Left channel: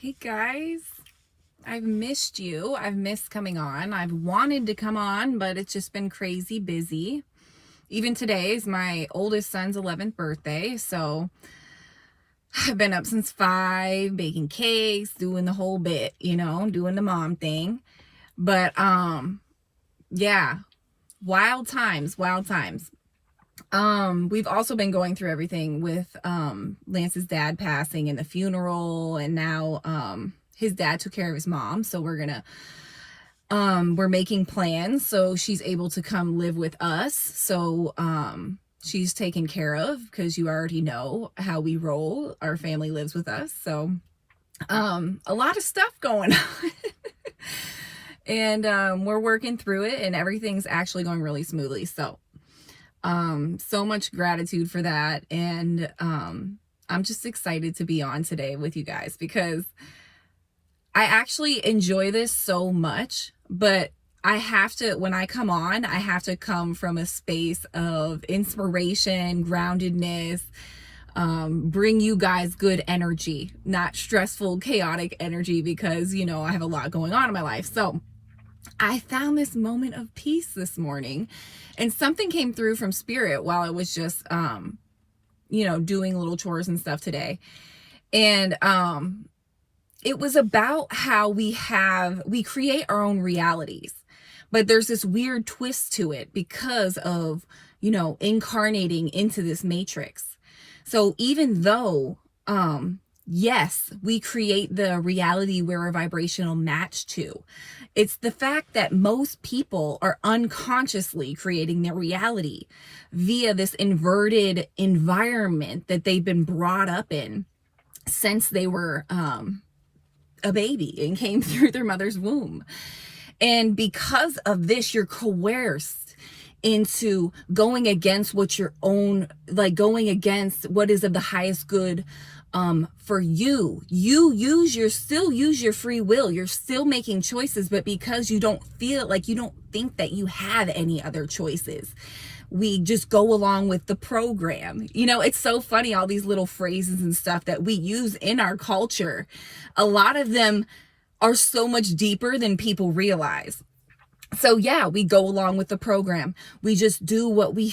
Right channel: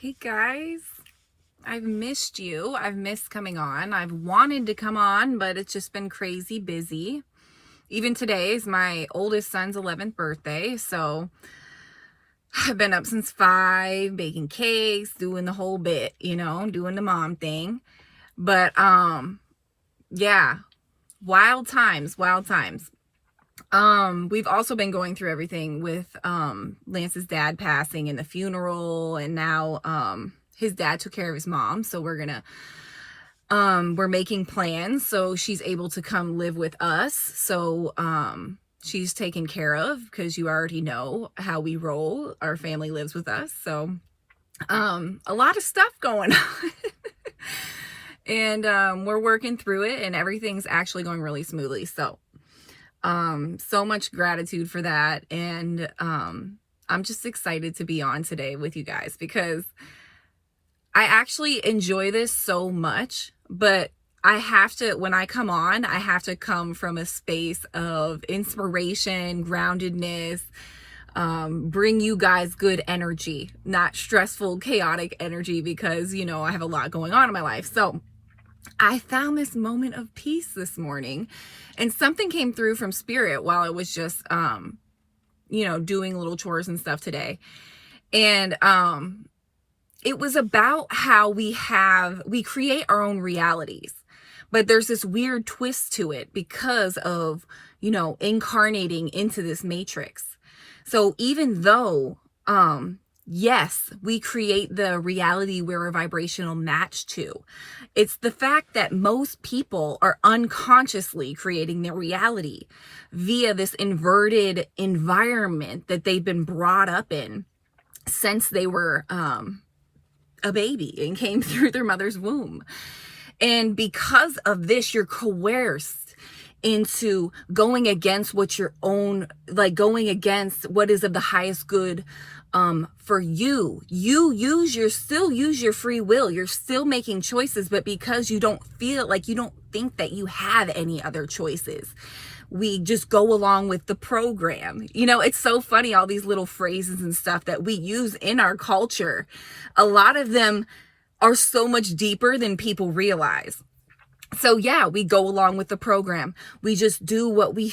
Hey guys, I've missed you. I've missed coming on. I've wanted to come on, but it's just been crazy busy. Even today is my oldest son's 11th birthday, so I've been up since 5, baking cakes, doing the whole bit, doing the mom thing. But yeah, wild times. We've also been going through everything with Lance's dad passing and the funeral, and now his dad took care of his mom, so we're making plans so she's able to come live with us. So she's taken care of, because you already know how we roll. Our family lives with us, so a lot of stuff going on. And we're working through it, and everything's actually going really smoothly. So much gratitude for that. And I'm just excited to be on today with you guys, because I actually enjoy this so much, but when I come on, I have to come from a space of inspiration, groundedness, bring you guys good energy, not stressful, chaotic energy, because, I have a lot going on in my life. So I found this moment of peace this morning, and something came through from spirit while I was just, doing little chores and stuff today. And it was about how we create our own realities, but there's this weird twist to it because of, incarnating into this matrix. So even though, yes, we create the reality we're a vibrational match to, it's the fact that most people are unconsciously creating their reality via this inverted environment that they've been brought up in since they were a baby and came through their mother's womb. And because of this, you're coerced into going against going against what is of the highest good for you. You still use your free will. You're still making choices, but because you don't think that you have any other choices, we just go along with the program. It's so funny, all these little phrases and stuff that we use in our culture. A lot of them are so much deeper than people realize. So yeah, we go along with the program. We just do what we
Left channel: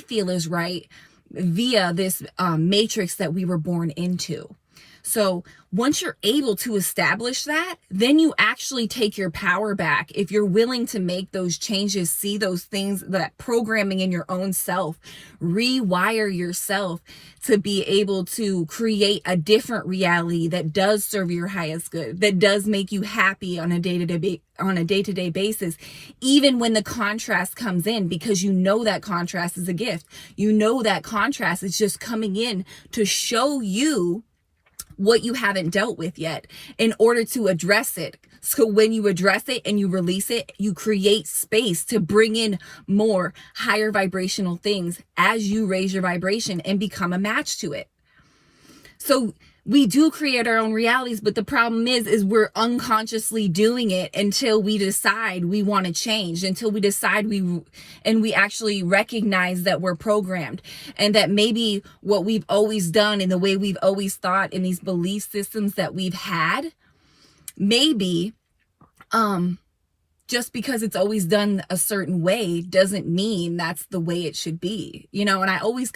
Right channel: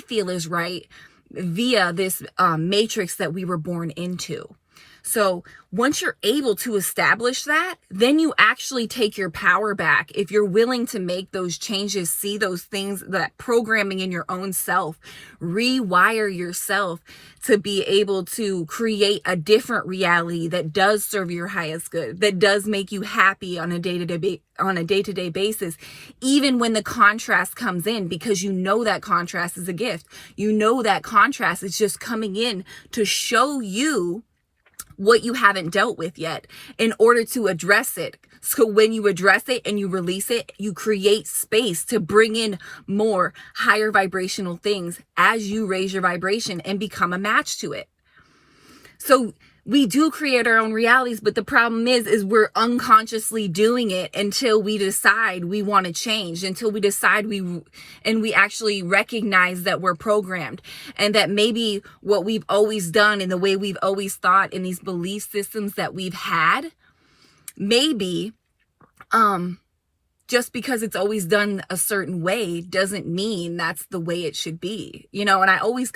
feel is right via this matrix that we were born into. So once you're able to establish that, then you actually take your power back. If you're willing to make those changes, see those things, that programming in your own self, rewire yourself to be able to create a different reality that does serve your highest good, that does make you happy on a day-to-day basis, even when the contrast comes in, because that contrast is a gift. That contrast is just coming in to show you what you haven't dealt with yet in order to address it. So when you address it and you release it, you create space to bring in more higher vibrational things as you raise your vibration and become a match to it. So we do create our own realities, but the problem is we're unconsciously doing it until we decide we want to change, until we decide we actually recognize that we're programmed, and that maybe what we've always done and the way we've always thought in these belief systems that we've had, maybe just because it's always done a certain way doesn't mean that's the way it should be, and I always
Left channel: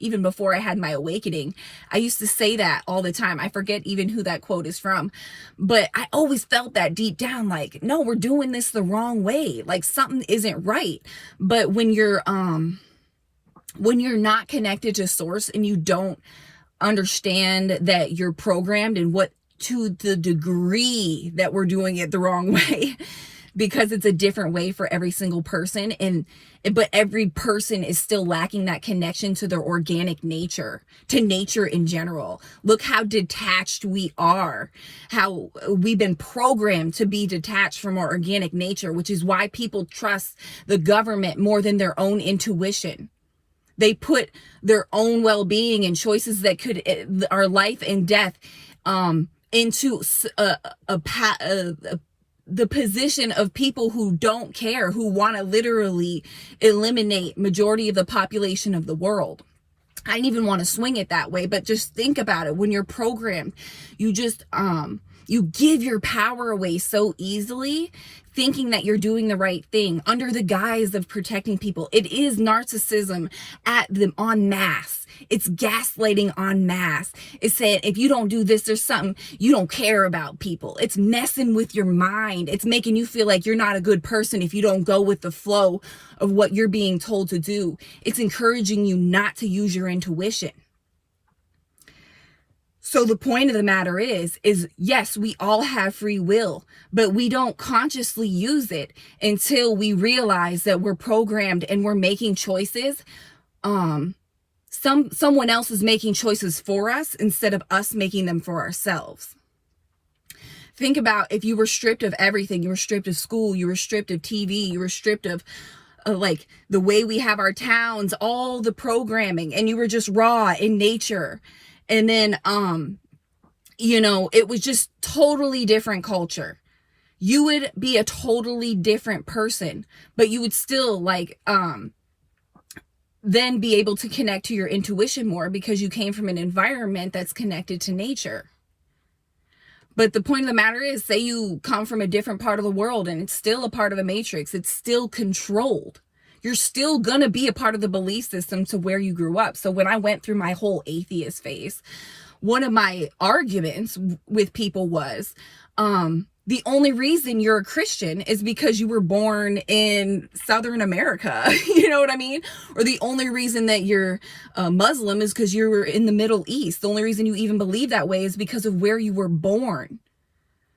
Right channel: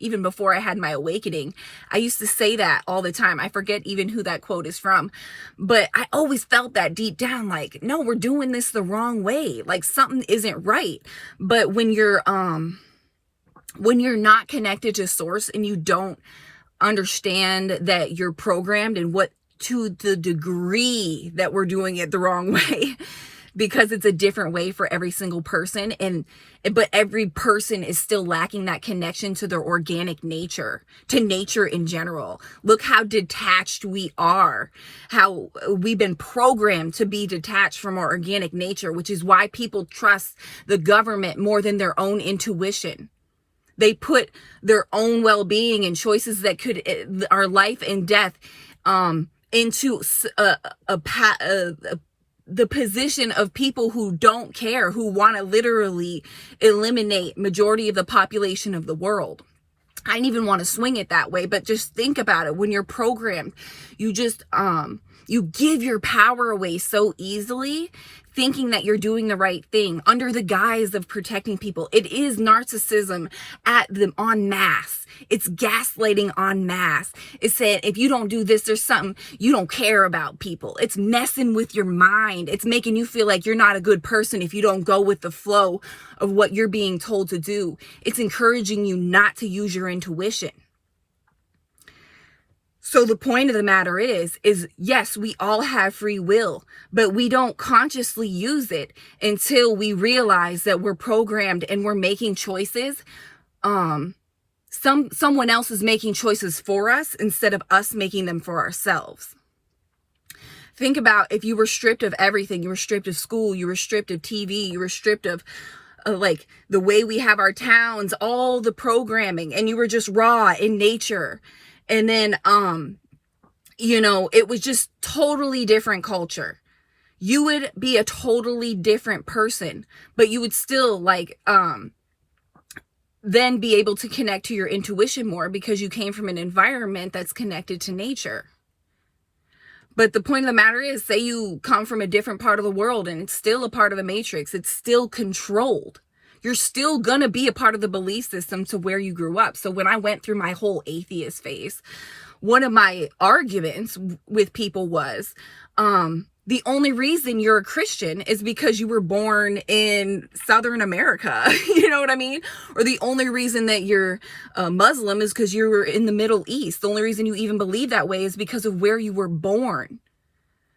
even before I had my awakening, I used to say that all the time. I forget even who that quote is from, but I always felt that deep down, like, no, we're doing this the wrong way. Like something isn't right. But when you're not connected to source and you don't understand that you're programmed and what to the degree that we're doing it the wrong way, because it's a different way for every single person, but every person is still lacking that connection to their organic nature, to nature in general. Look how detached we are, how we've been programmed to be detached from our organic nature, which is why people trust the government more than their own intuition. They put their own well-being and choices that could our life and death into the position of people who don't care, who want to literally eliminate majority of the population of the world. I didn't even want to swing it that way, but just think about it. When you're programmed, you just, you give your power away so easily, thinking that you're doing the right thing under the guise of protecting people. It is narcissism en masse. It's gaslighting en masse. It's saying, if you don't do this, there's something, you don't care about people. It's messing with your mind. It's making you feel like you're not a good person if you don't go with the flow of what you're being told to do. It's encouraging you not to use your intuition. So the point of the matter is yes, we all have free will, but we don't consciously use it until we realize that we're programmed and we're making choices. Someone else is making choices for us instead of us making them for ourselves. Think about if you were stripped of everything. You were stripped of school. You were stripped of TV. You were stripped of like the way we have our towns, all the programming, and you were just raw in nature. And then, you know, it was just totally different culture. You would be a totally different person, but you would still like, then be able to connect to your intuition more because you came from an environment that's connected to nature. But the point of the matter is, say you come from a different part of the world and it's still a part of the matrix. It's still controlled. You're still going to be a part of the belief system to where you grew up. So when I went through my whole atheist phase, one of my arguments with people was, the only reason you're a Christian is because you were born in Southern America. You know what I mean? Or the only reason that you're a Muslim is because you were in the Middle East. The only reason you even believe that way is because of where you were born.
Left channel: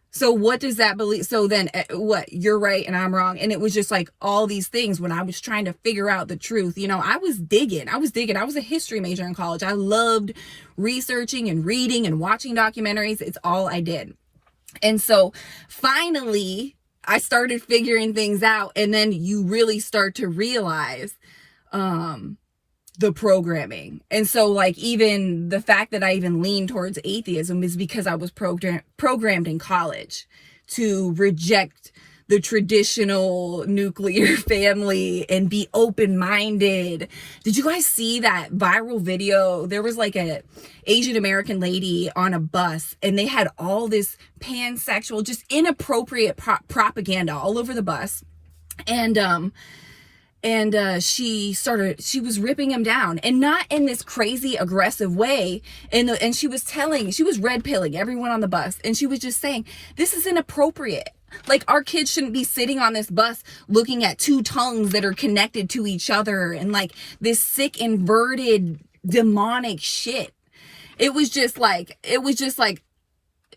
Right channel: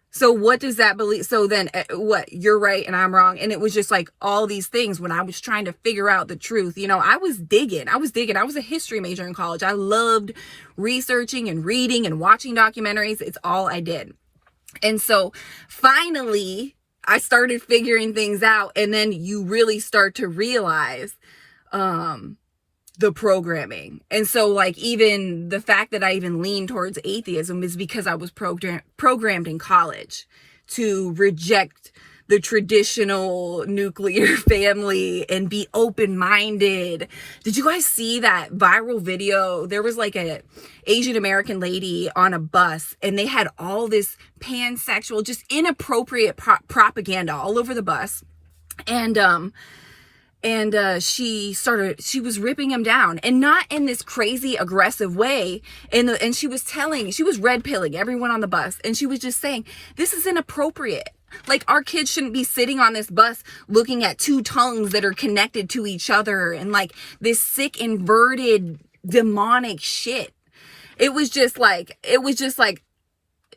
So what does that believe? So then what? You're right and I'm wrong. And it was just like all these things when I was trying to figure out the truth. You know, I was digging. I was a history major in college. I loved researching and reading and watching documentaries. It's all I did. And so finally I started figuring things out. And then you really start to realize, the programming. And so like even the fact that I even leaned towards atheism is because I was programmed in college to reject the traditional nuclear family and be open-minded. Did you guys see that viral video? There was like a Asian American lady on a bus and they had all this pansexual, just inappropriate propaganda all over the bus. And she was ripping him down, and not in this crazy aggressive way. And she was red pilling everyone on the bus. And she was just saying, this is inappropriate. Like, our kids shouldn't be sitting on this bus looking at two tongues that are connected to each other and like this sick, inverted, demonic shit. It was just like,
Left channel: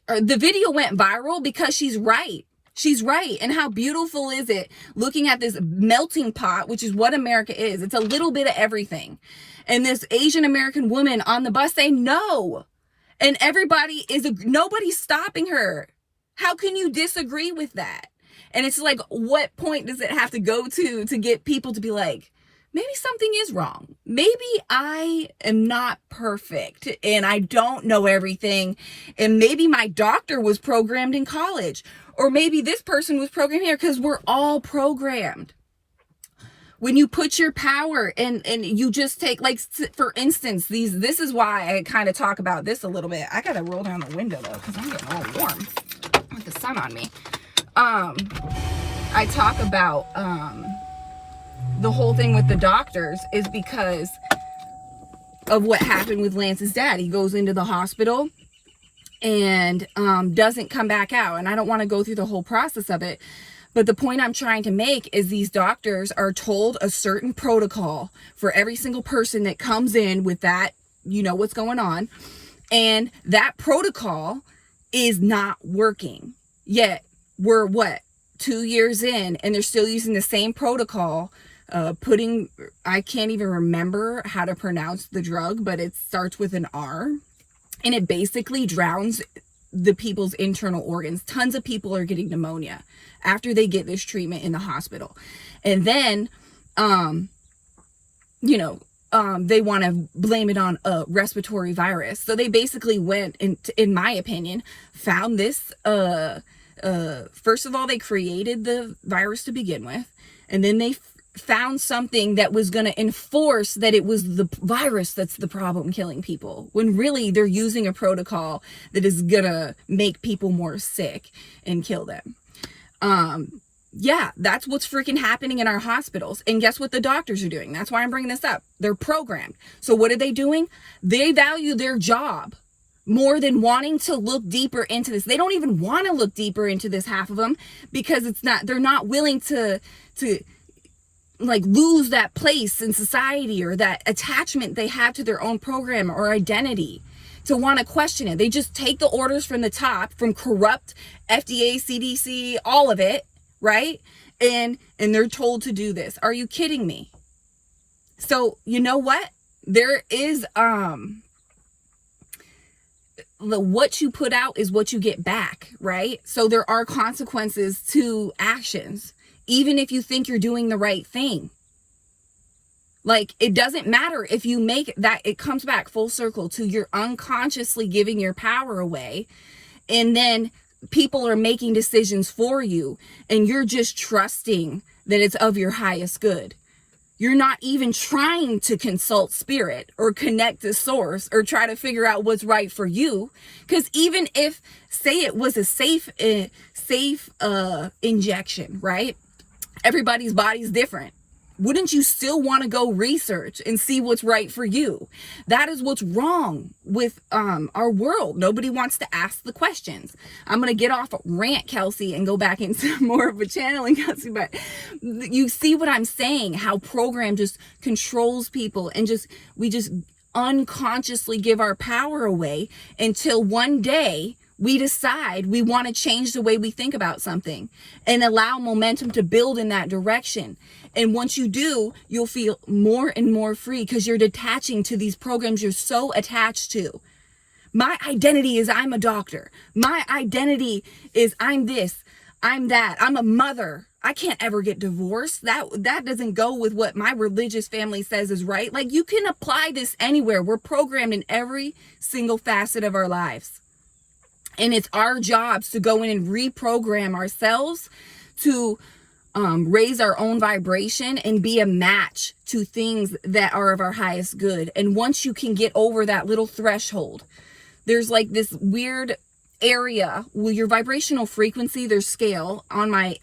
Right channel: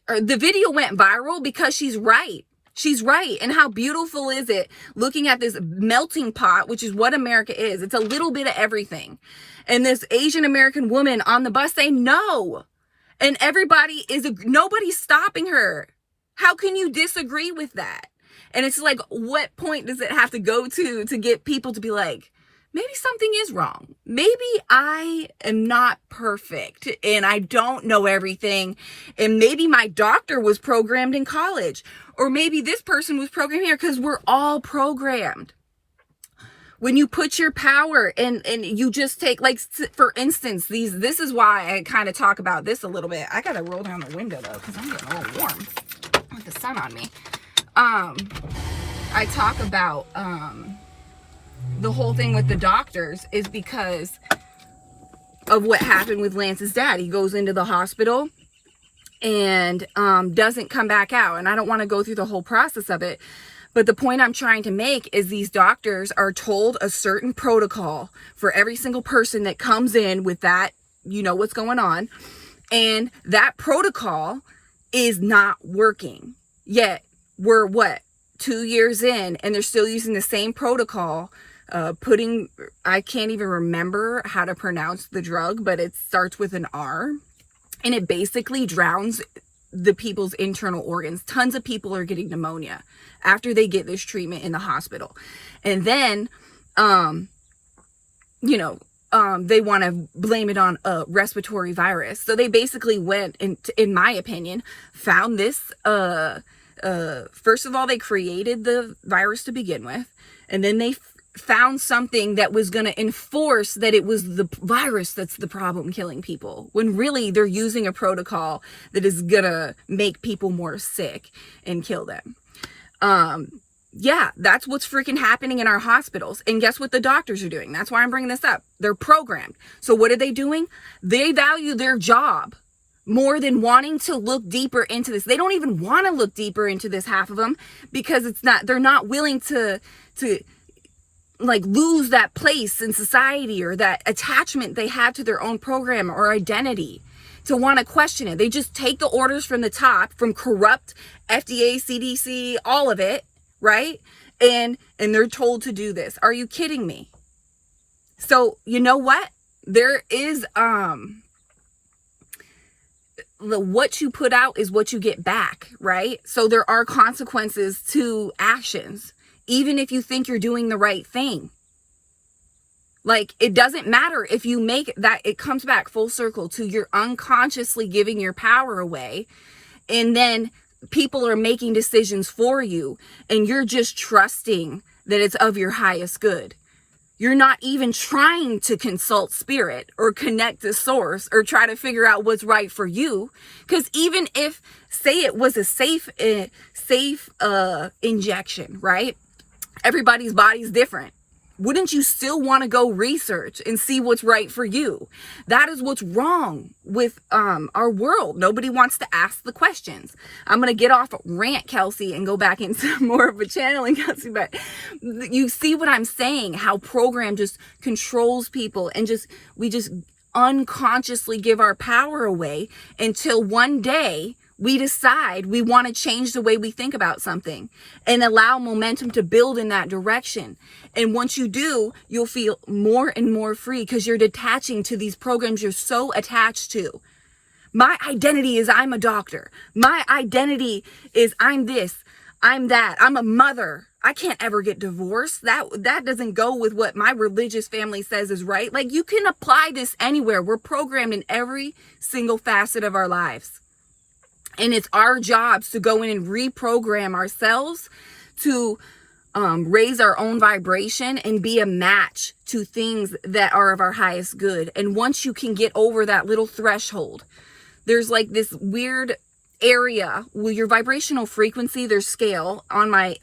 the video went viral because she's right. She's right. And how beautiful is it looking at this melting pot, which is what America is. It's a little bit of everything. And this Asian American woman on the bus saying no. And nobody's stopping her. How can you disagree with that? And it's like, what point does it have to go to get people to be like, maybe something is wrong. Maybe I am not perfect and I don't know everything. And maybe my doctor was programmed in college, or maybe this person was programmed here, because we're all programmed. When you put your power and you just take, like, for instance, this is why I kind of talk about this a little bit. I got to roll down the window though, because I'm getting all warm with the sun on me. I talk about, the whole thing with the doctors is because of what happened with Lance's dad. He goes into the hospital and doesn't come back out. And I don't want to go through the whole process of it. But the point I'm trying to make is these doctors are told a certain protocol for every single person that comes in with that, you know what's going on. And that protocol is not working. Yet we're 2 years in and they're still using the same protocol. I can't even remember how to pronounce the drug, but it starts with an R, and it basically drowns the people's internal organs. Tons of people are getting pneumonia after they get this treatment in the hospital. And then, they want to blame it on a respiratory virus. So they basically went, in my opinion, found this, first of all, they created the virus to begin with, and then they found something that was going to enforce that it was the virus that's the problem killing people, when really they're using a protocol that is going to make people more sick and kill them. Yeah, that's what's freaking happening in our hospitals. And guess what the doctors are doing? That's why I'm bringing this up. They're programmed. So what are they doing? They value their job more than wanting to look deeper into this. They don't even want to look deeper into this, half of them, because they're not willing to like lose that place in society or that attachment they have to their own program or identity to want to question it. They just take the orders from the top, from corrupt FDA, CDC, all of it, right? And they're told to do this. Are you kidding me? So you know what? There is what you put out is what you get back, right? So there are consequences to actions, even if you think you're doing the right thing. Like, it doesn't matter if you make that, it comes back full circle to you're unconsciously giving your power away, and then people are making decisions for you, and you're just trusting that it's of your highest good. You're not even trying to consult spirit or connect to source or try to figure out what's right for you. Because even if, say it was a safe injection, right? Everybody's body's different. Wouldn't you still want to go research and see what's right for you? That is what's wrong with our world. Nobody wants to ask the questions. I'm going to get off rant, Kelsey, and go back into more of a channeling, Kelsey. But you see what I'm saying? How program just controls people, and we just unconsciously give our power away until one day we decide we want to change the way we think about something and allow momentum to build in that direction. And once you do, you'll feel more and more free because you're detaching to these programs you're so attached to. My identity is I'm a doctor. My identity is I'm this, I'm that, I'm a mother. I can't ever get divorced. That doesn't go with what my religious family says is right. Like, you can apply this anywhere. We're programmed in every single facet of our lives. And it's our jobs to go in and reprogram ourselves to raise our own vibration and be a match to things that are of our highest good. And once you can get over that little threshold, there's like this weird area with your vibrational frequency. There's scale on my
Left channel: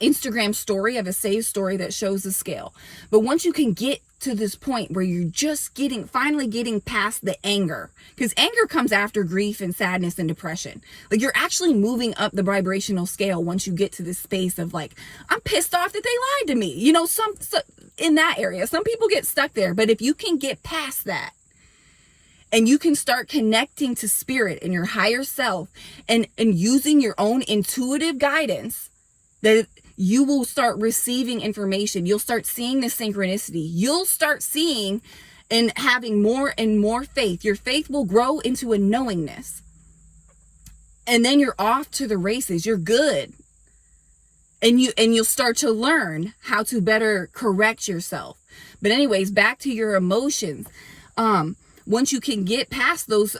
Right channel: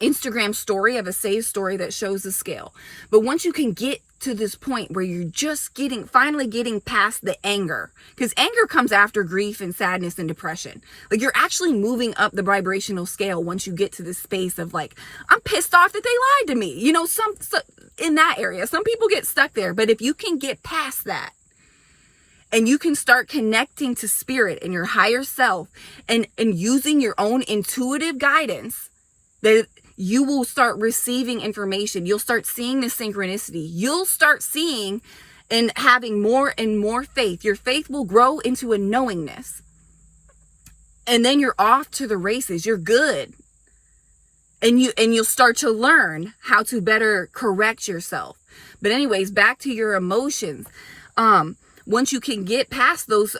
Instagram story of a save story that shows the scale. But once you can get to this point where you're just finally getting past the anger, because anger comes after grief and sadness and depression. Like, you're actually moving up the vibrational scale once you get to this space of like, I'm pissed off that they lied to me. You know, some in that area, some people get stuck there. But if you can get past that and you can start connecting to spirit and your higher self and using your own intuitive guidance, that you will start receiving information. You'll start seeing the synchronicity. You'll start seeing and having more and more faith. Your faith will grow into a knowingness. And then you're off to the races. You're good. And you'll start to learn how to better correct yourself. But anyways, back to your emotions. Once you can get past those,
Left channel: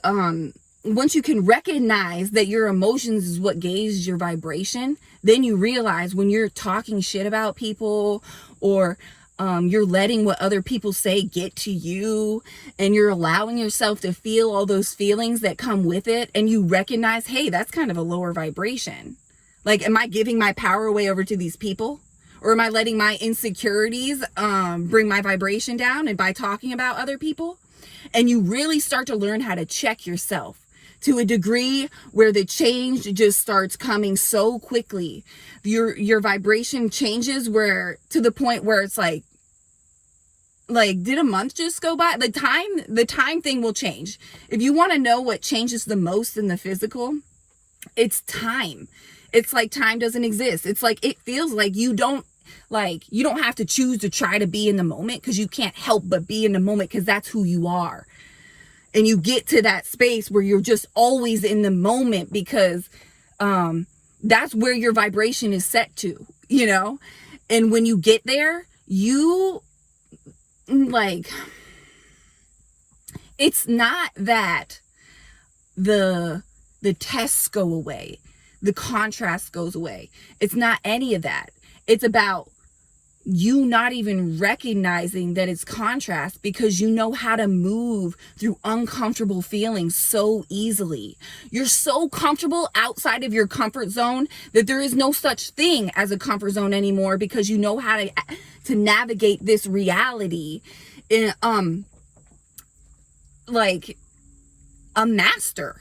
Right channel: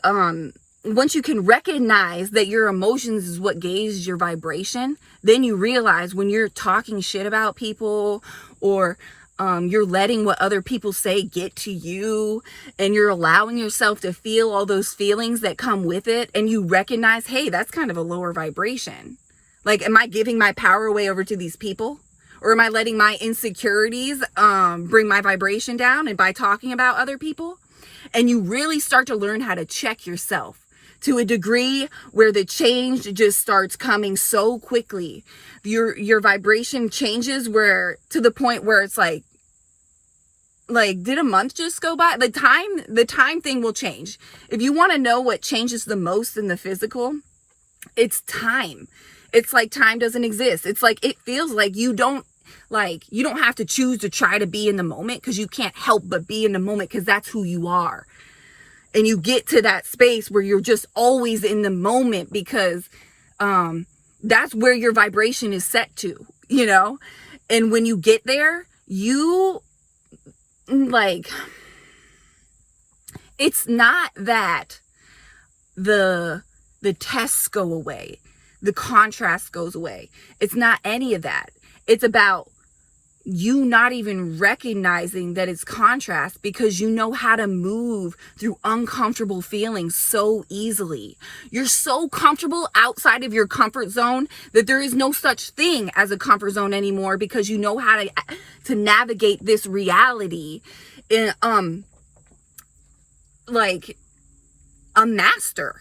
once you can recognize that your emotions is what gauges your vibration, then you realize when you're talking shit about people, or you're letting what other people say get to you, and you're allowing yourself to feel all those feelings that come with it, and you recognize, hey, that's kind of a lower vibration. Like, am I giving my power away over to these people? Or am I letting my insecurities bring my vibration down, and by talking about other people? And you really start to learn how to check yourself to a degree where the change just starts coming so quickly. Your vibration changes to the point where it's like, did a month just go by? The time thing will change. If you want to know what changes the most in the physical, it's time. It's like time doesn't exist. It's like, it feels like you don't have to choose to try to be in the moment, because you can't help but be in the moment, because that's who you are. And you get to that space where you're just always in the moment, because that's where your vibration is set to, you know? And when you get there, it's not that the tests go away, the contrast goes away. It's not any of that. It's about you not even recognizing that it's contrast because you know how to move through uncomfortable feelings so easily. You're so comfortable outside of your comfort zone that there is no such thing as a comfort zone anymore, because you know how to navigate this reality like a master.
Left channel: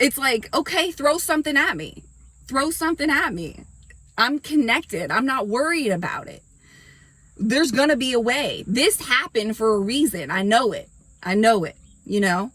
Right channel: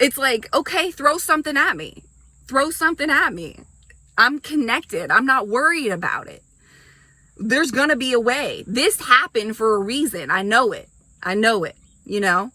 It's like, okay, throw something at me. Throw something at me. I'm connected. I'm not worried about it. There's going to be a way. This happened for a reason. I know it. I know it, you know?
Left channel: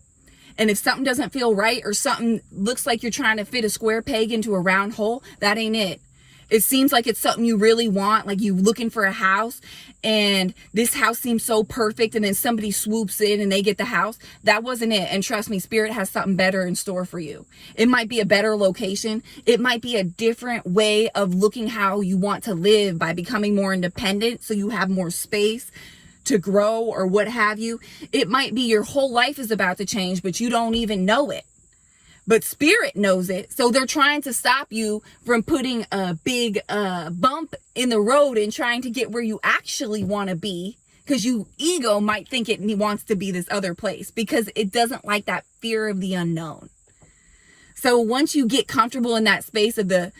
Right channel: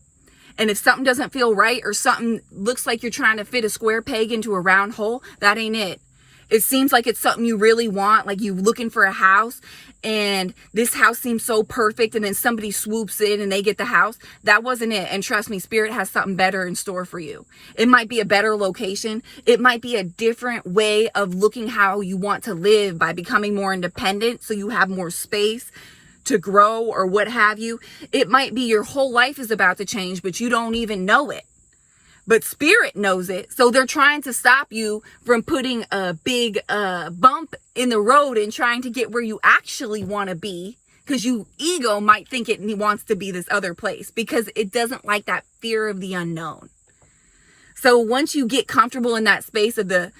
And if something doesn't feel right, or something looks like you're trying to fit a square peg into a round hole, that ain't it. It seems like it's something you really want, like you looking for a house, and this house seems so perfect, and then somebody swoops in and they get the house. That wasn't it. And trust me, Spirit has something better in store for you. It might be a better location. It might be a different way of looking how you want to live by becoming more independent, so you have more space to grow or what have you. It might be your whole life is about to change, but you don't even know it. But Spirit knows it. So they're trying to stop you from putting a big bump in the road and trying to get where you actually want to be, because you ego might think it wants to be this other place, because it doesn't like that fear of the unknown. So once you get comfortable in that space of the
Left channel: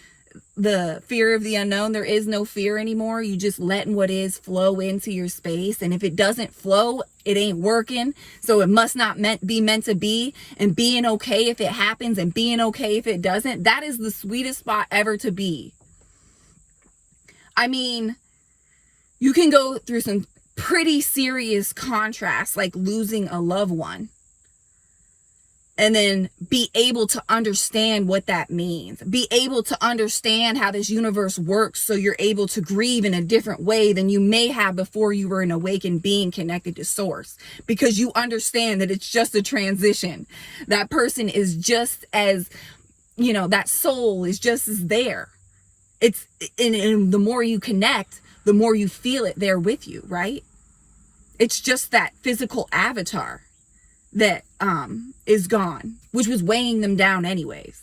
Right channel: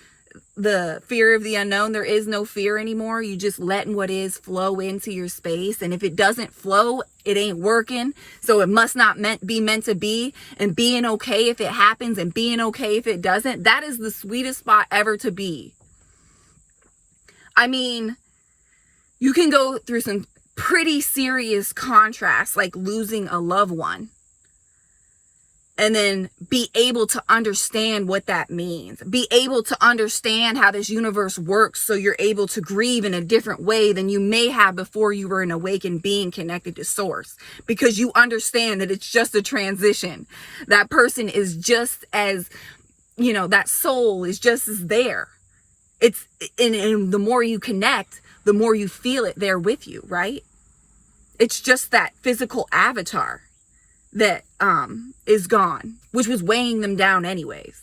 fear of the unknown, there is no fear anymore. You just letting what is flow into your space. And if it doesn't flow, it ain't working. So it must not be meant to be. And being okay if it happens, and being okay if it doesn't, that is the sweetest spot ever to be. I mean, you can go through some pretty serious contrasts, like losing a loved one, and then be able to understand what that means. Be able to understand how this universe works, so you're able to grieve in a different way than you may have before you were an awakened being connected to Source. Because you understand that it's just a transition. That person is just as, you know, that soul is just as there. It's, and the more you connect, the more you feel it there with you, right? It's just that physical avatar that is gone, which was weighing them down anyways.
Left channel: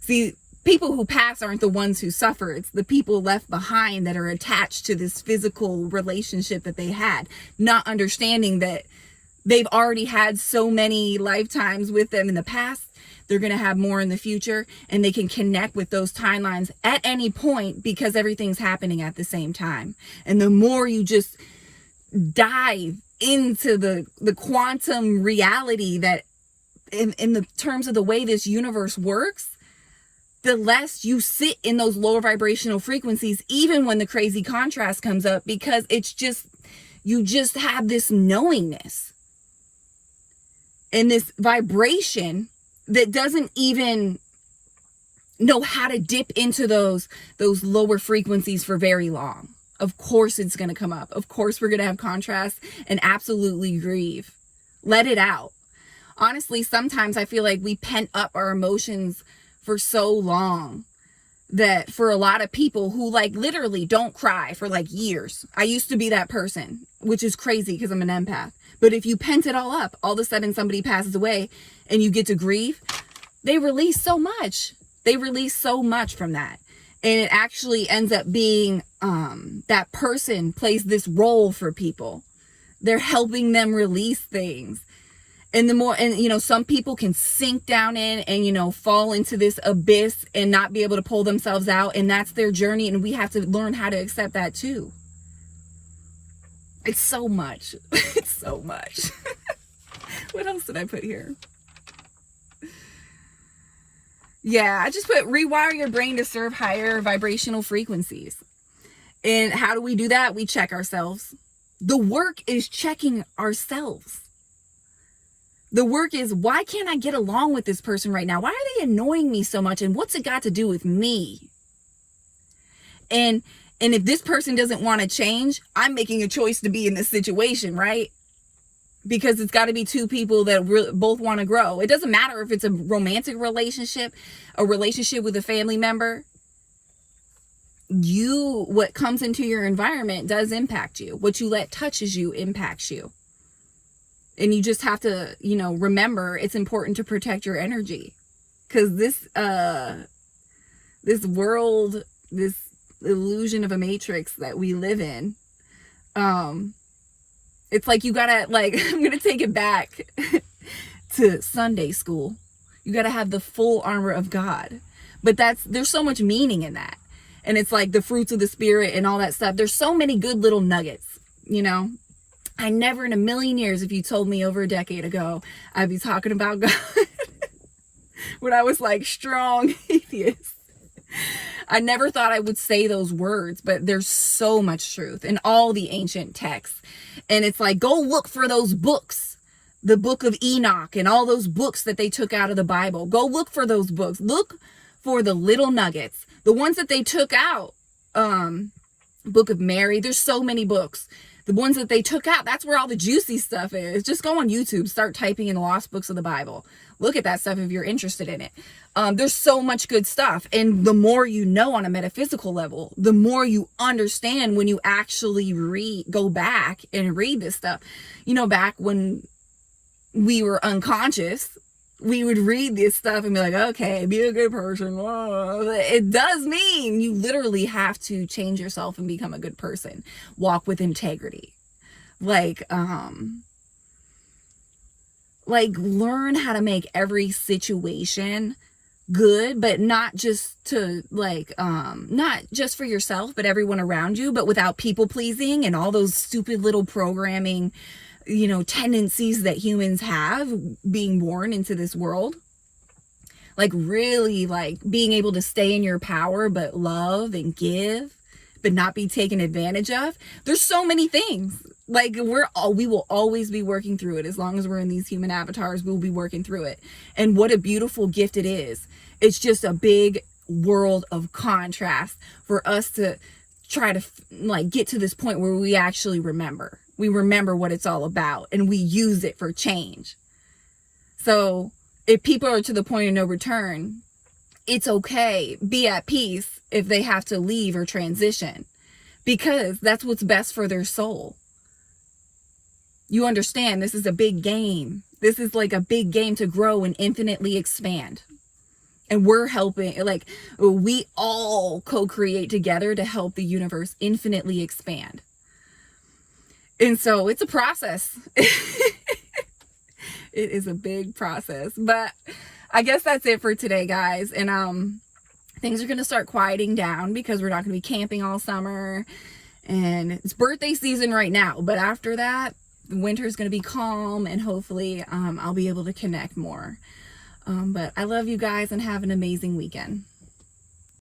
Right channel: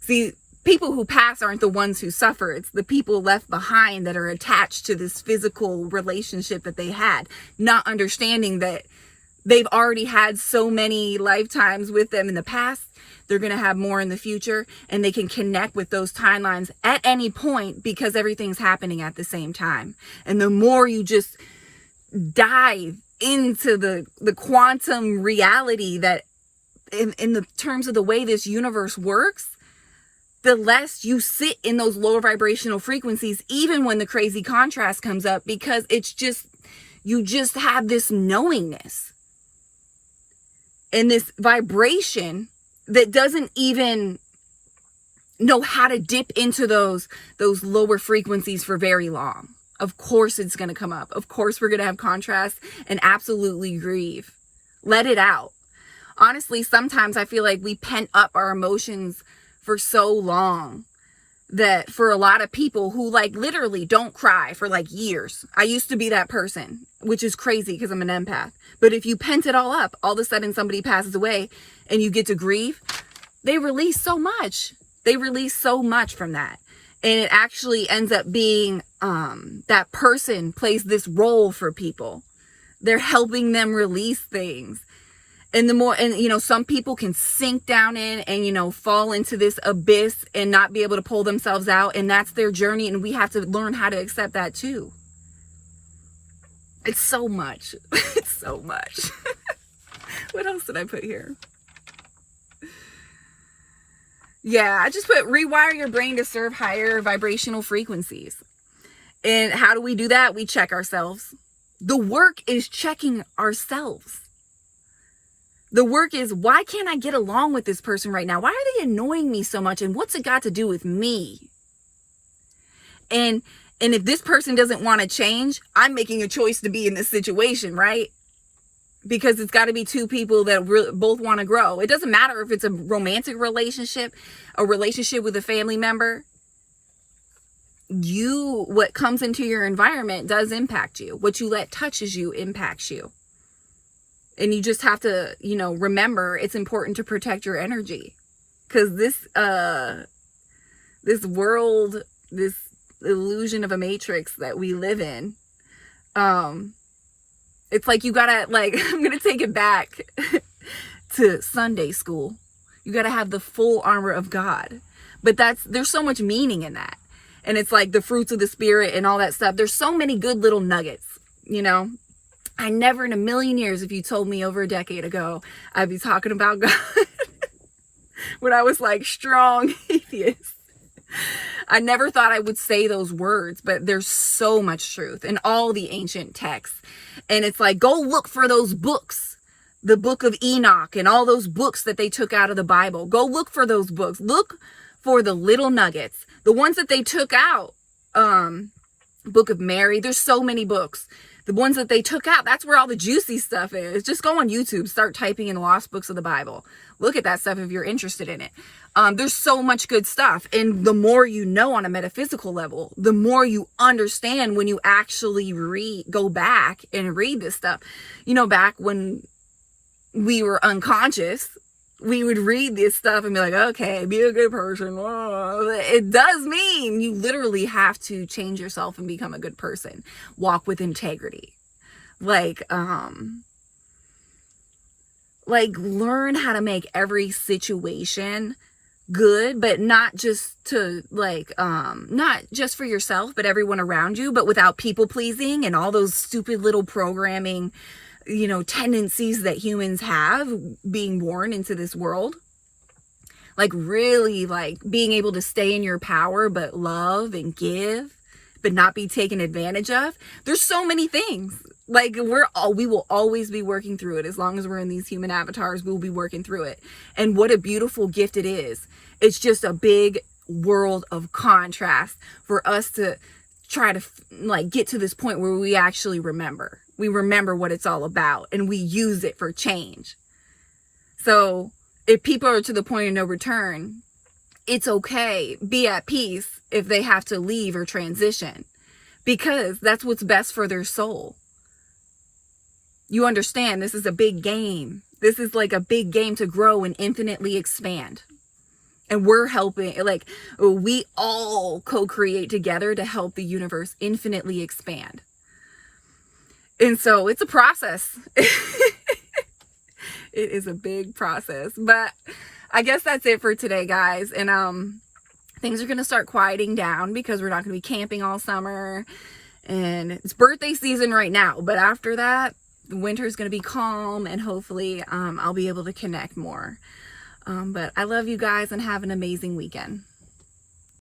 See, people who pass aren't the ones who suffer. It's the people left behind that are attached to this physical relationship that they had, not understanding that they've already had so many lifetimes with them in the past. They're going to have more in the future, and they can connect with those timelines at any point, because everything's happening at the same time. And the more you just dive into the quantum reality that in the terms of the way this universe works, the less you sit in those lower vibrational frequencies, even when the crazy contrast comes up, because it's just, you just have this knowingness and this vibration that doesn't even know how to dip into those lower frequencies for very long. Of course it's going to come up. Of course we're going to have contrast and absolutely grieve. Let it out. Honestly, sometimes I feel like we pent up our emotions for so long that for a lot of people who like literally don't cry for like years. I used to be that person, which is crazy because I'm an empath. But if you pent it all up, all of a sudden somebody passes away and you get to grieve, they release so much. They release so much from that. And it actually ends up being that person plays this role for people. They're helping them release things. And the more, and you know, some people can sink down in and, you know, fall into this abyss and not be able to pull themselves out. And that's their journey. And we have to learn how to accept that too. It's so much. It's so much. What else did I put here? Yeah, I just put rewire your brain to serve higher vibrational frequencies. And how do we do that? We check ourselves. The work is checking ourselves. The work is, why can't I get along with this person right now? Why are they annoying me so much? And what's it got to do with me? And if this person doesn't want to change, I'm making a choice to be in this situation, right? Because it's got to be two people that both want to grow. It doesn't matter if it's a romantic relationship, a relationship with a family member. What comes into your environment does impact you. What you let touches you impacts you. And you just have to, you know, remember it's important to protect your energy. Because this world, this illusion of a matrix that we live in. It's like you gotta, like, I'm gonna take it back to Sunday school. You gotta have the full armor of God. But there's so much meaning in that. And it's like the fruits of the spirit and all that stuff. There's so many good little nuggets, you know. I never in a million years, if you told me over a decade ago, I'd be talking about God when I was like strong atheist. I never thought I would say those words, but there's so much truth in all the ancient texts. And it's like, go look for those books, the book of Enoch and all those books that they took out of the Bible. Go look for those books. Look for the little nuggets, the ones that they took out. Book of Mary. There's so many books. The ones that they took out, that's where all the juicy stuff is. Just go on YouTube, start typing in lost books of the Bible. Look at that stuff if you're interested in it. There's so much good stuff. And the more you know on a metaphysical level, the more you understand when you actually go back and read this stuff. You know, back when we were unconscious, we would read this stuff and be like, okay, be a good person. It does mean you literally have to change yourself and become a good person. Walk with integrity. Like learn how to make every situation good, but not just to not just for yourself, but everyone around you, but without people pleasing and all those stupid little programming, you know, tendencies that humans have being born into this world. Like really like being able to stay in your power, but love and give, but not be taken advantage of. There's so many things. Like we will always be working through it. As long as we're in these human avatars, we'll be working through it. And what a beautiful gift it is. It's just a big world of contrast for us to try to like get to this point where we actually remember. We remember what it's all about and we use it for change. So if people are to the point of no return, it's okay. Be at peace if they have to leave or transition, because that's what's best for their soul. You understand, this is a big game. This is like a big game to grow and infinitely expand. And we're helping, like, we all co-create together to help the universe infinitely expand. And so it's a process. It is a big process. But I guess that's it for today, guys. And things are going to start quieting down because we're not going to be camping all summer. And it's birthday season right now. But after that, winter is going to be calm. And hopefully I'll be able to connect more. But I love you guys and have an amazing weekend.